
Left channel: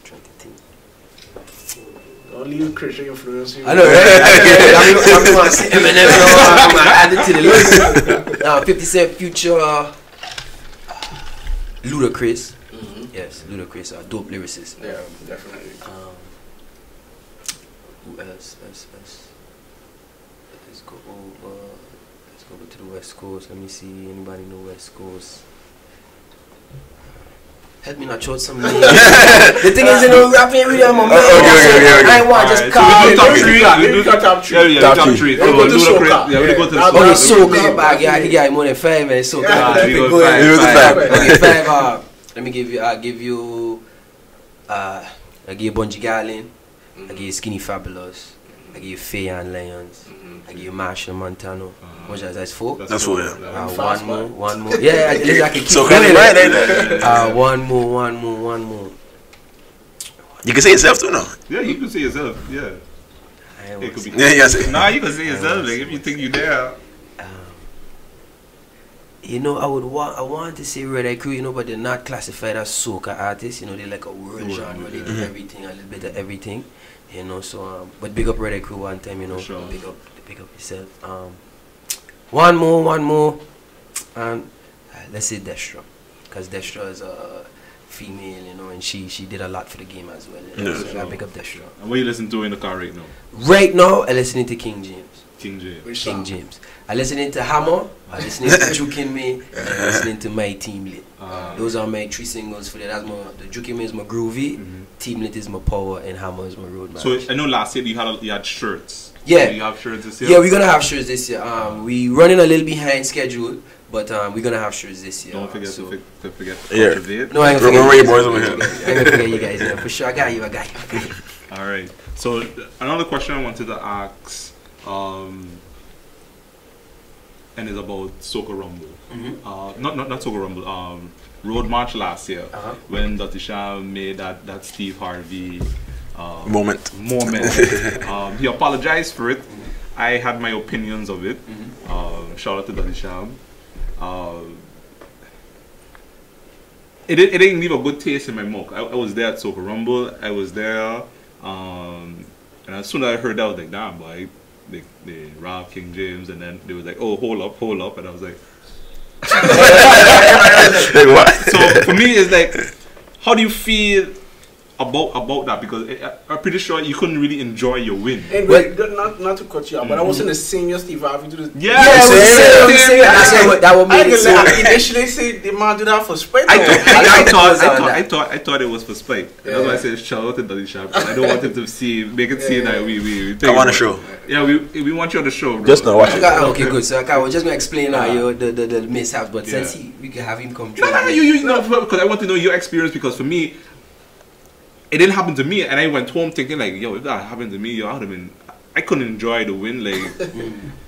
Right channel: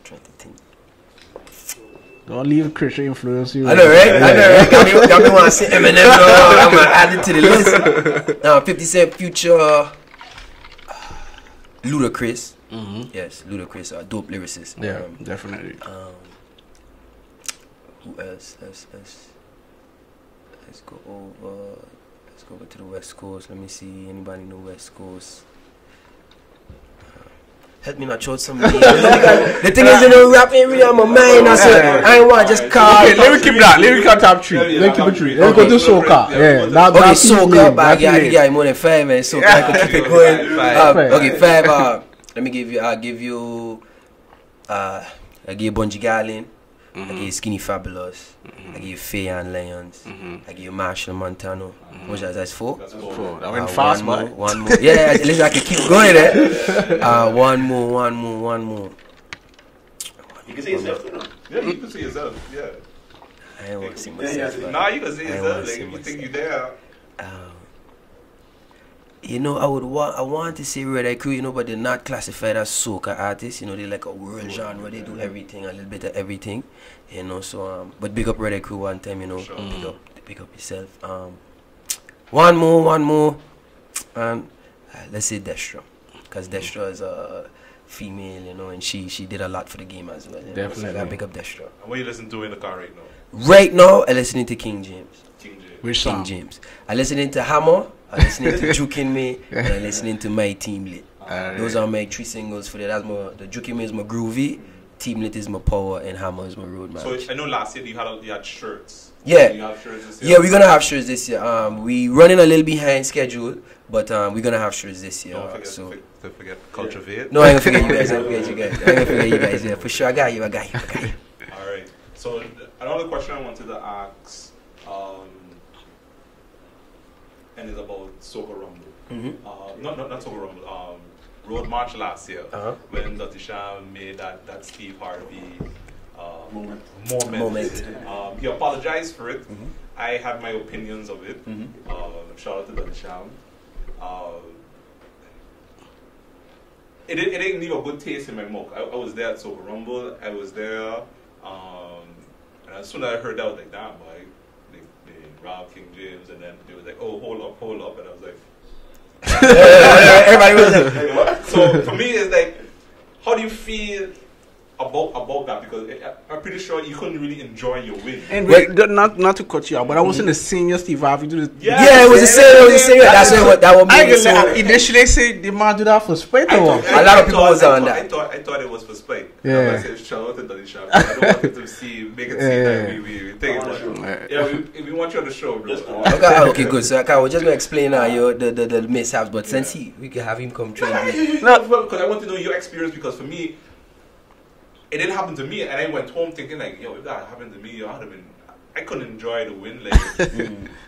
Don't leave Christian influence you. I know, right? Y'all want to say Eminem, I'm going to add it to the list. 50 Cent, Future, Ludacris. Yes, Ludacris, dope lyricist. Yeah, definitely. Who else? Let's go over to the West Coast. Let me see. Anybody know West Coast? Help me not short some names. The thing is, you know, rapping really on my mind. That's it. I ain't want to just call. Let me cut top 3. Top 3. Let's go to soca. Okay, soca. But I can get more than 5 minutes. Soca. I can keep it going. Okay, 5. Let me give you. I give you Bungie Garlin. I give you Skinny Fabulous. I give you Faye and Lions. I give you Marshall Montano. That's 4. That's 4. One more. Yeah, at least I can keep going. One more. You can say yourself too, no? Yeah, you can say yourself. Yeah. I ain't want to say. Nah, you can say yourself. Like if you think you there. you know, I want to say Red Eye Crew, you know, but they're not classified as soca artists. You know, they're like a world genre. They do everything, a little bit of everything. You know, so but big up Red Eye Crew one time. You know, big up yourself. One more, and let's say Destra, because Destra is a female, you know, and she did a lot for the game as well. You know? So I gotta pick up Destra. And what are you listening to in the car right now? Right now, I'm listening to King James. Which King James. I'm listening to Hammer. I'm listening to Jukin Me, and I'm listening to My Team Lit. Those are my 3 singles for that. That's the Jukin Me is my groovy, Team Lit is my power, and Hammer is my road march. So I know last year you had shirts. Yeah. Do you have shirts this year? Yeah, we're gonna have shirts this year. We running a little behind schedule, but we're gonna have shirts this year. Don't forget to forget yeah. Culturevate. No, I ain't gonna forget you guys. I ain't gonna forget you guys. Yeah, for sure. I got you. All right. So another question I wanted to ask, and is about Soca Rumble. Not Soca Rumble. Road March last year when Dr. Sham made that Steve Harvey moment. He apologized for it. I had my opinions of it. Shout out to Dr. Sham. It didn't leave a good taste in my mouth. I was there at Soca Rumble. I was there, and as soon as I heard that, I was like, damn, boy, they robbed King James, and then they was like, oh, hold up, and I was like, everybody was like, what? So for me, it's like, how do you feel about that? Because I'm pretty sure you couldn't really enjoy your win. And wait, not to cut you out, but I wasn't the same as Steve Harvey. Yeah, it was the same. That's what that would make it so. Initially, say they might do that for spite. I thought it was for spite. Yeah. That's why I said shout out to Daddy Sharp. I don't want him to make it seem that we come on the show. Yeah, we want you on the show, bro. Just now. Okay, good. So we're just gonna explain the mishaps, but since we can have him come through. No, because I want to know your experience. Because for me, it didn't happen to me, and I went home thinking like, yo, if that happened to me, yo, I couldn't enjoy the win. Like,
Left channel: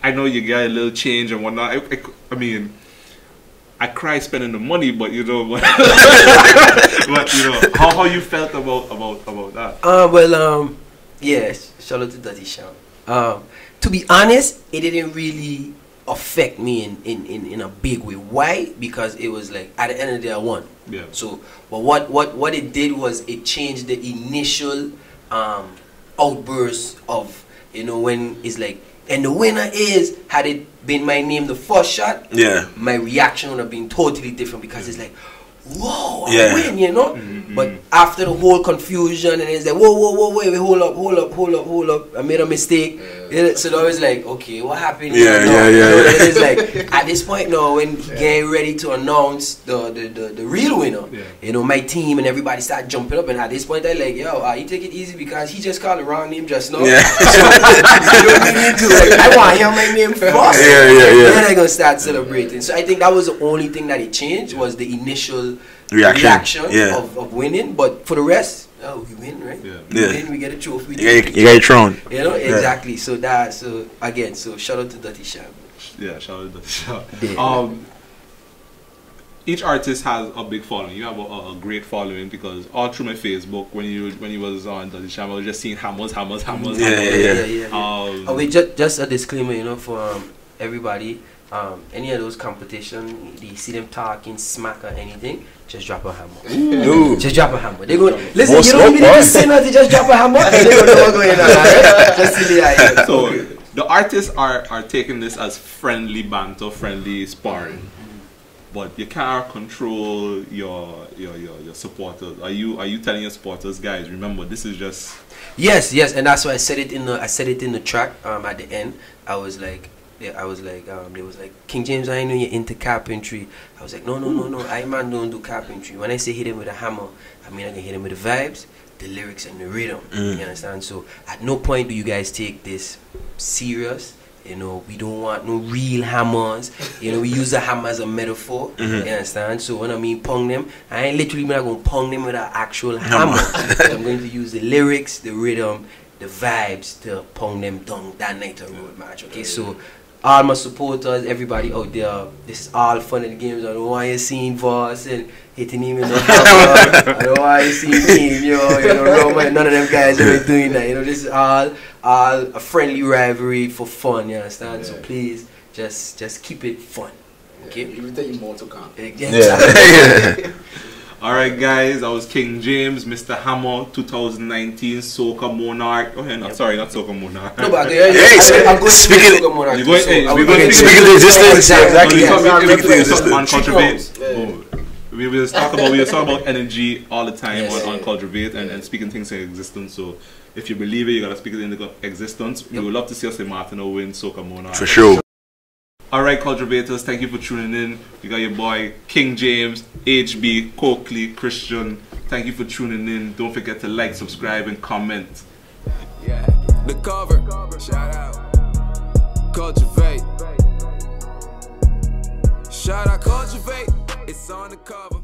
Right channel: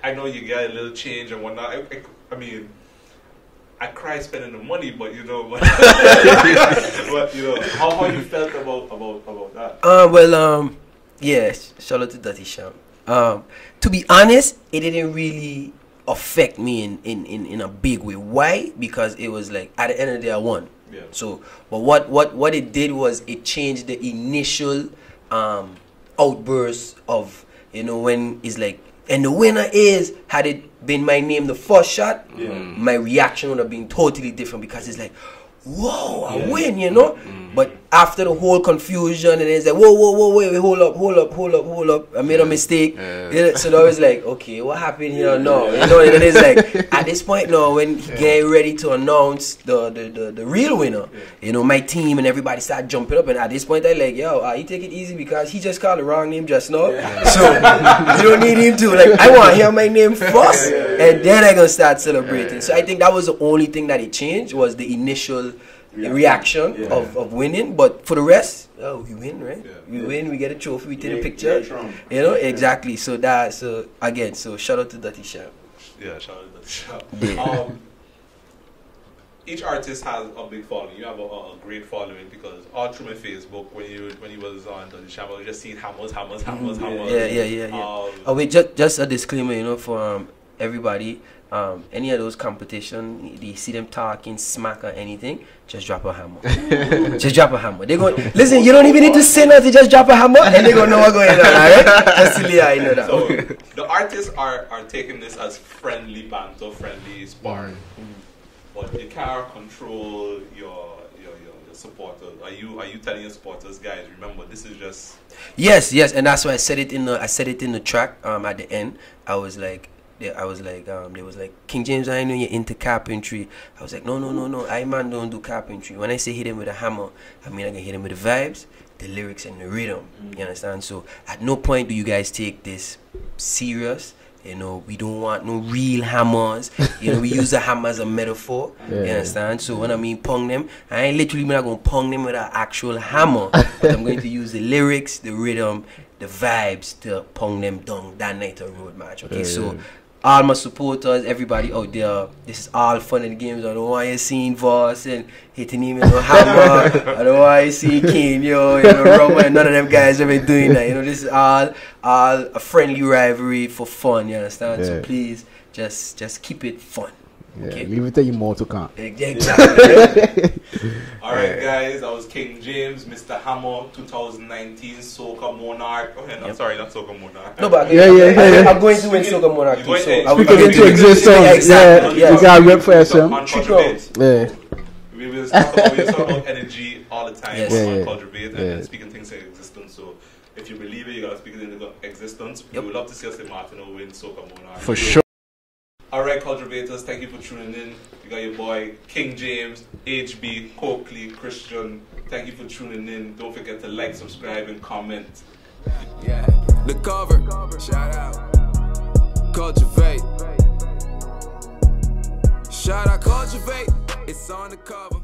I know you got a little change and whatnot. I mean, I cried spending the money, but you know, but you know, how you felt about that? Yeah, shout out to Dirty Sham. To be honest, it didn't really affect me in a big way. Why? Because it was like at the end of the day I won. Yeah. So, but what it did was it changed the initial outburst of, you know, when it's like, and the winner is, had it been my name the first shot, my reaction would have been totally different, because it's like, whoa, I win, you know. But after the whole confusion, and it's like, whoa, wait, hold up, I made a mistake. So that was like, okay, what happened? You know, it is like at this point now, when he getting ready to announce the real winner, you know, my team and everybody start jumping up, and at this point I like, yo, you take it easy, because he just called the wrong name just now. So you don't need to, like, I want to hear my name first, and then I gonna start celebrating. So I think that was the only thing that it changed, was the initial reaction of winning. But for the rest, we win, right? We win, we get a trophy, we take a picture. You get a throne. You know, exactly. So again, shout out to Dirty Sham. Yeah, shout out to Dirty Sham. Each artist has a big following. You have a great following, because all through my Facebook, when you was on Dirty Sham, I was just seeing hammers. Wait, just a disclaimer, you know, for everybody. Any of those competition, you see them talking smack or anything, just drop a hammer. Just drop a hammer. They go, listen, you don't even need to say nothing, just drop a hammer, and they don't know what's going on, alright? Just silly idea. So the artists are taking this as friendly banter, friendly sparring. But you can't control your supporters. Are you telling your supporters, guys, remember, this is just... Yes, and that's why I said it in the track at the end. I was like, they was like, King James, I know you're into carpentry. I was like, no, I man don't do carpentry. When I say hit him with a hammer, I mean I can hit him with the vibes, the lyrics, and the rhythm. You understand? So at no point do you guys take this serious. You know, we don't want no real hammers. You know, we use the hammer as a metaphor. You understand? So when I mean pong them, I ain't literally not going to pong them with an actual hammer. I'm going to use the lyrics, the rhythm, the vibes to pong them down that night on road match. Okay, so all my supporters, everybody out there, this is all fun and games. I don't want you seeing Voss and hitting him with no hammer. I don't want you seeing King, Roma, none of them guys ever doing that. You know, this is all a friendly rivalry for fun, you understand? So please, just keep it fun. Okay. Leave it to you more to come. Exactly. Alright guys, I was King James, Mr. Hammer, 2019 Soca Monarch. Oh, yeah, sorry, not Soca Monarch. No, but I'm going to Soca Monarch. You're going we will talk about energy all the time on Culturevate and speaking things in existence. So if you believe it, you gotta speak it into existence. We would love to see us in Martino win Soca Monarch. For sure. Alright, Culturevators, thank you for tuning in. You got your boy King James, HB, Coakley, Christian. Thank you for tuning in. Don't forget to like, subscribe, and comment. Yeah, the cover. Shout out. Culturevate. Shout out Culturevate. It's on the cover.